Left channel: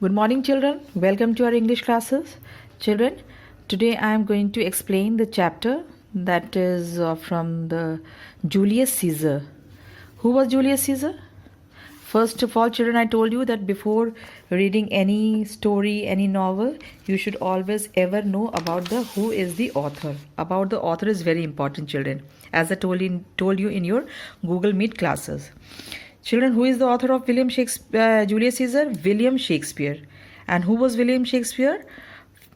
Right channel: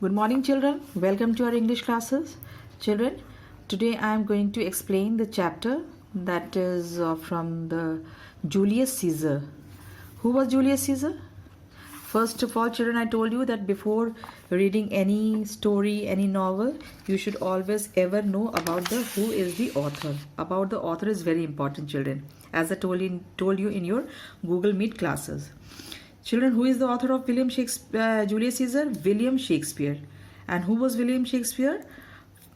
Good morning, children. Welcome to our English classes. Children, today I am going to explain the chapter that is from the Julius Caesar. Who was Julius Caesar? First of all, children, I told you that before reading any story, any novel, you should always ever know about the who is the author. About the author is very important, children, as I told you in your Google Meet classes. Children, who is the author of Julius Caesar? William Shakespeare. And who was William Shakespeare?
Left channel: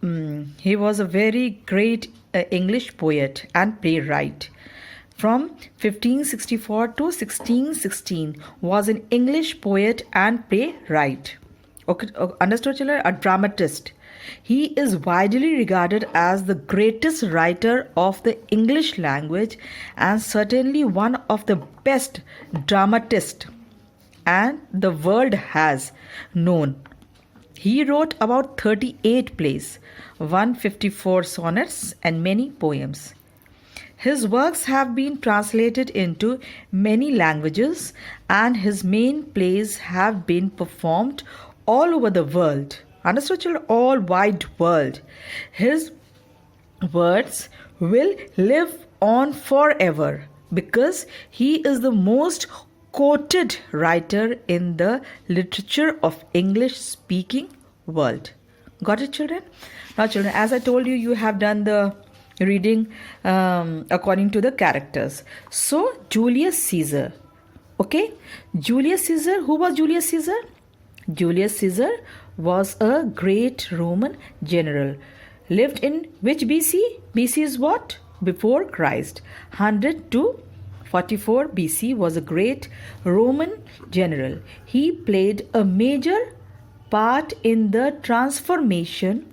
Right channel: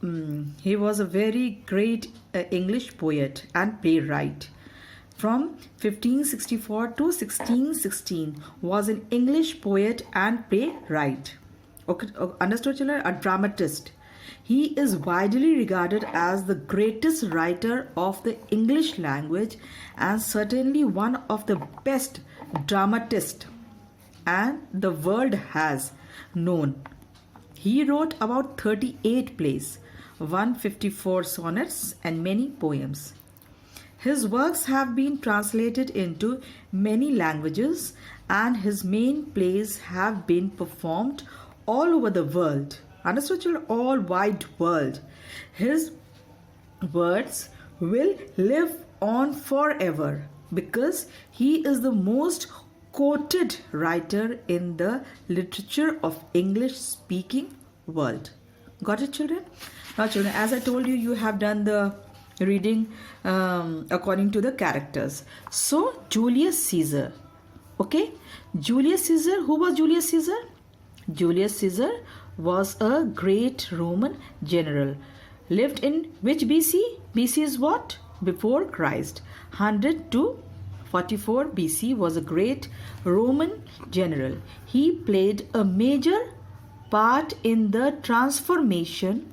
He was a very great English poet and playwright. From 1564 to 1616 was an English poet and playwright. Okay, understood, children? A dramatist. He is widely regarded as the greatest writer of the English language and certainly one of the best dramatists and the world has known. He wrote about 38 plays, 154 sonnets, and many poems. His works have been translated into many languages, and his main plays have been performed all over the world. Understood, children? All wide world. His words will live on forever because he is the most quoted writer in the literature of English speaking world. Got it, children? Now, children, as I told you, you have done the reading according to the characters. So, Julius Caesar. Okay? Julius Caesar. Who was Julius Caesar? Julius Caesar was a great Roman general. Lived in which BC? BC is what? Before Christ. 100 to 44 BC was a great Roman general. He played a major part in the transformation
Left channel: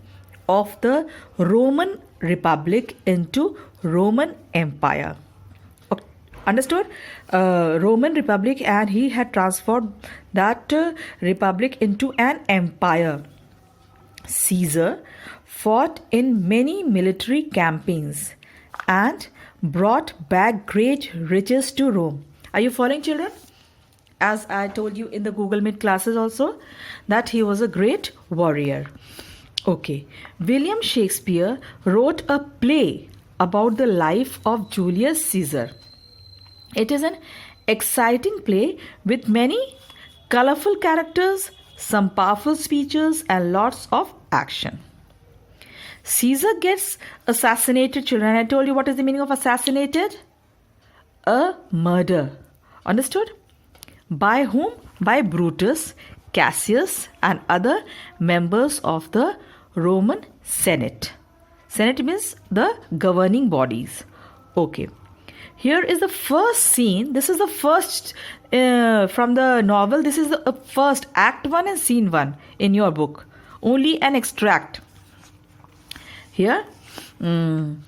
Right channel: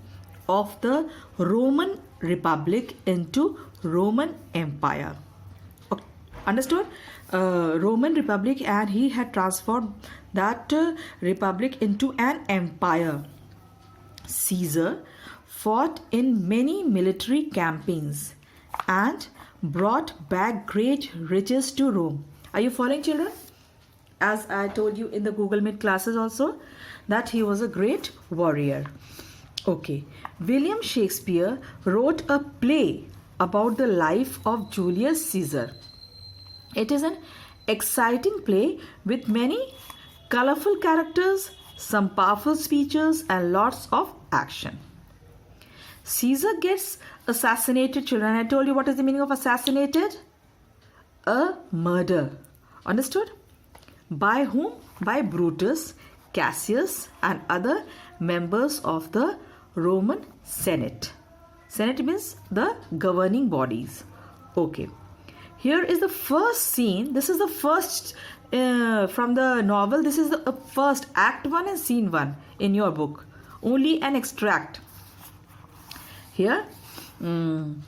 of the Roman Republic into Roman Empire. Understood? Roman Republic, and he had transformed that republic into an empire. Caesar fought in many military campaigns and brought back great riches to Rome. Are you following, children? As I told you in the Google Meet classes also, that he was a great warrior. Okay. William Shakespeare wrote a play about the life of Julius Caesar. It is an exciting play with many colorful characters, some powerful speeches, and lots of action. Caesar gets assassinated, children. I told you what is the meaning of assassinated? A murder. Understood? By whom? By Brutus, Cassius, and other members of the Roman Senate. Senate means the governing bodies. Okay. Here is the first scene. This is the first from the novel. This is the first act 1 and scene 1 in your book. Only an extract. Here, here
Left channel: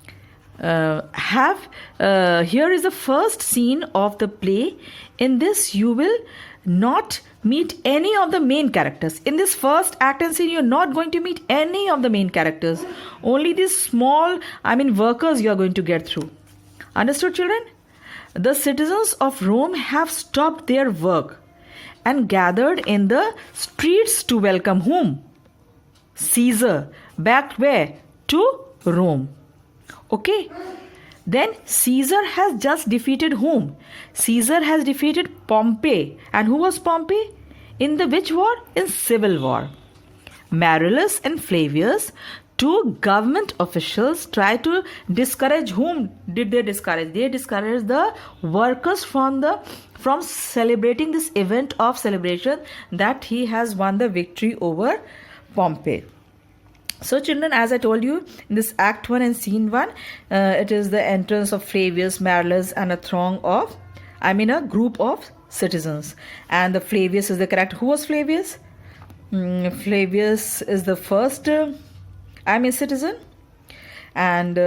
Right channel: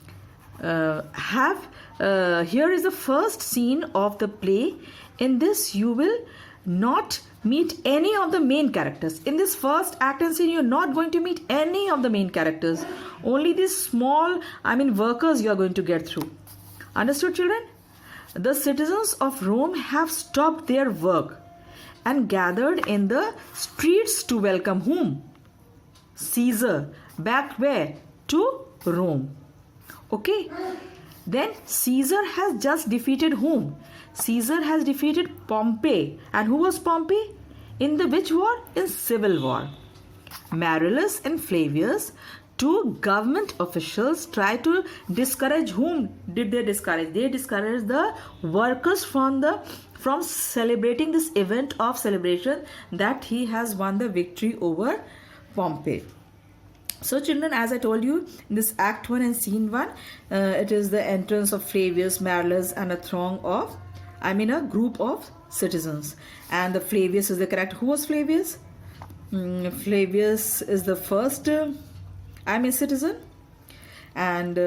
is the first scene of the play. In this, you will not meet any of the main characters. In this first act and scene, you're not going to meet any of the main characters. Only these small, workers you are going to get through. Understood, children? The citizens of Rome have stopped their work and gathered in the streets to welcome whom? Caesar. Back where? To Rome. Okay. Then Caesar has just defeated whom? Caesar has defeated Pompey. And who was Pompey? In the which war? In civil war. Marullus and Flavius, two government officials, tried to discourage whom did they discourage? They discouraged the workers from celebrating this event of celebration that he has won the victory over Pompey. So, children, as I told you, in this Act 1 and Scene 1, it is the entrance of Flavius, Marullus, and a group of citizens. And the Flavius is the character. Who was Flavius? Flavius is the first citizen. And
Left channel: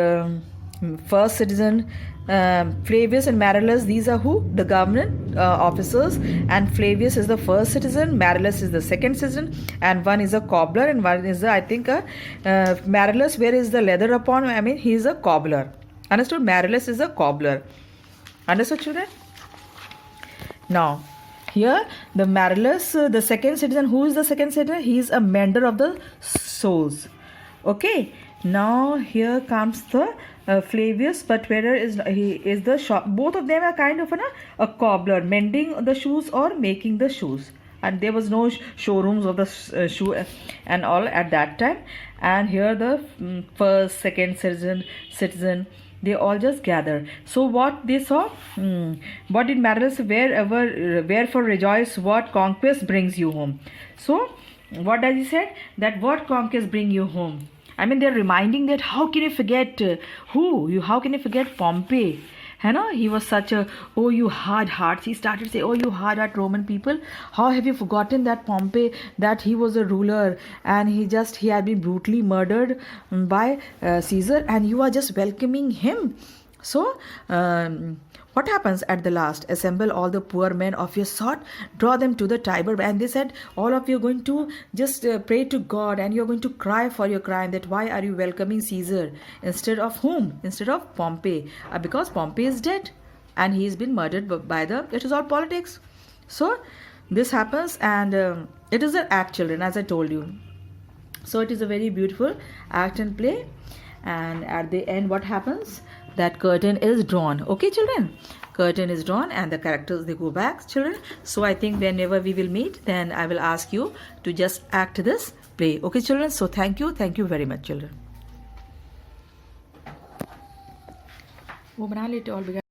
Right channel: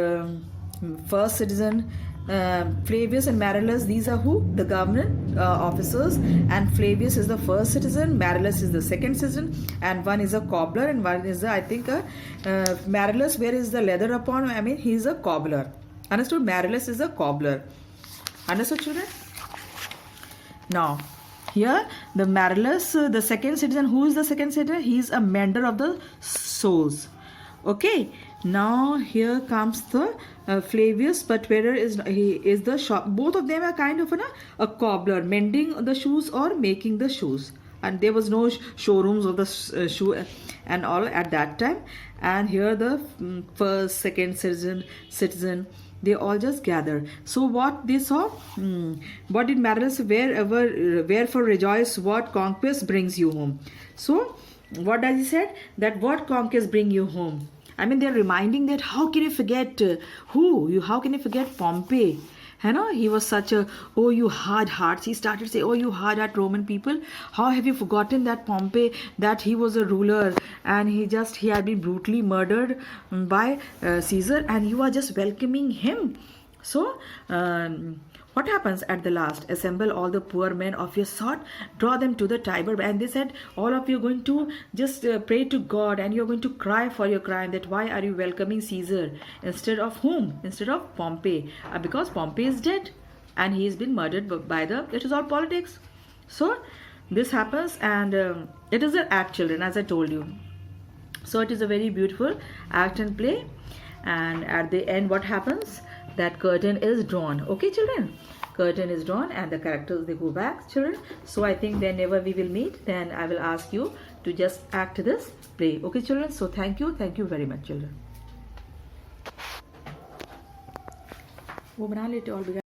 first citizen, Flavius and Marullus, these are who? The government officers. And Flavius is the first citizen, Marullus is the second citizen, and one is a cobbler, and one is Marullus, where is the leather upon? He is a cobbler. Understood? Marullus is a cobbler. Understood, children? Now, Here, the Marillus, the second citizen. Who is the second citizen? He is a mender of the souls. Okay. Now here comes the Flavius Patverer he is the shop. Both of them are kind of a cobbler, mending the shoes or making the shoes. And there was no showrooms of the shoe and all at that time. And here the first, second citizen, they all just gather. So what they saw? What did Marillus? Wherefore rejoice, what conquest brings you home. So what does he said? That what conquest bring you home? I mean, they're reminding that how can you forget how can you forget Pompey? You know, he was such a, oh, you hard hearts. He started to say, oh, you hard heart Roman people. How have you forgotten that Pompey, that he was a ruler and he had been brutally murdered by Caesar, and you are just welcoming him. So, what happens at the last? Assemble all the poor men of your sort, draw them to the Tiber. And they said, all of you are going to just pray to God and you're going to cry for your crime, that why are you welcoming Caesar instead of whom? Instead of Pompey. Because Pompey is dead and he's been murdered by it is all politics. So, this happens, and it is an act, children, as I told you. So, it is a very beautiful act and play. And at the end, what happens? That curtain is drawn. Okay, children, curtain is drawn and the characters, they go back, children. So I think whenever we will meet, then I will ask you to just act this play. Okay, children. So thank you very much, children.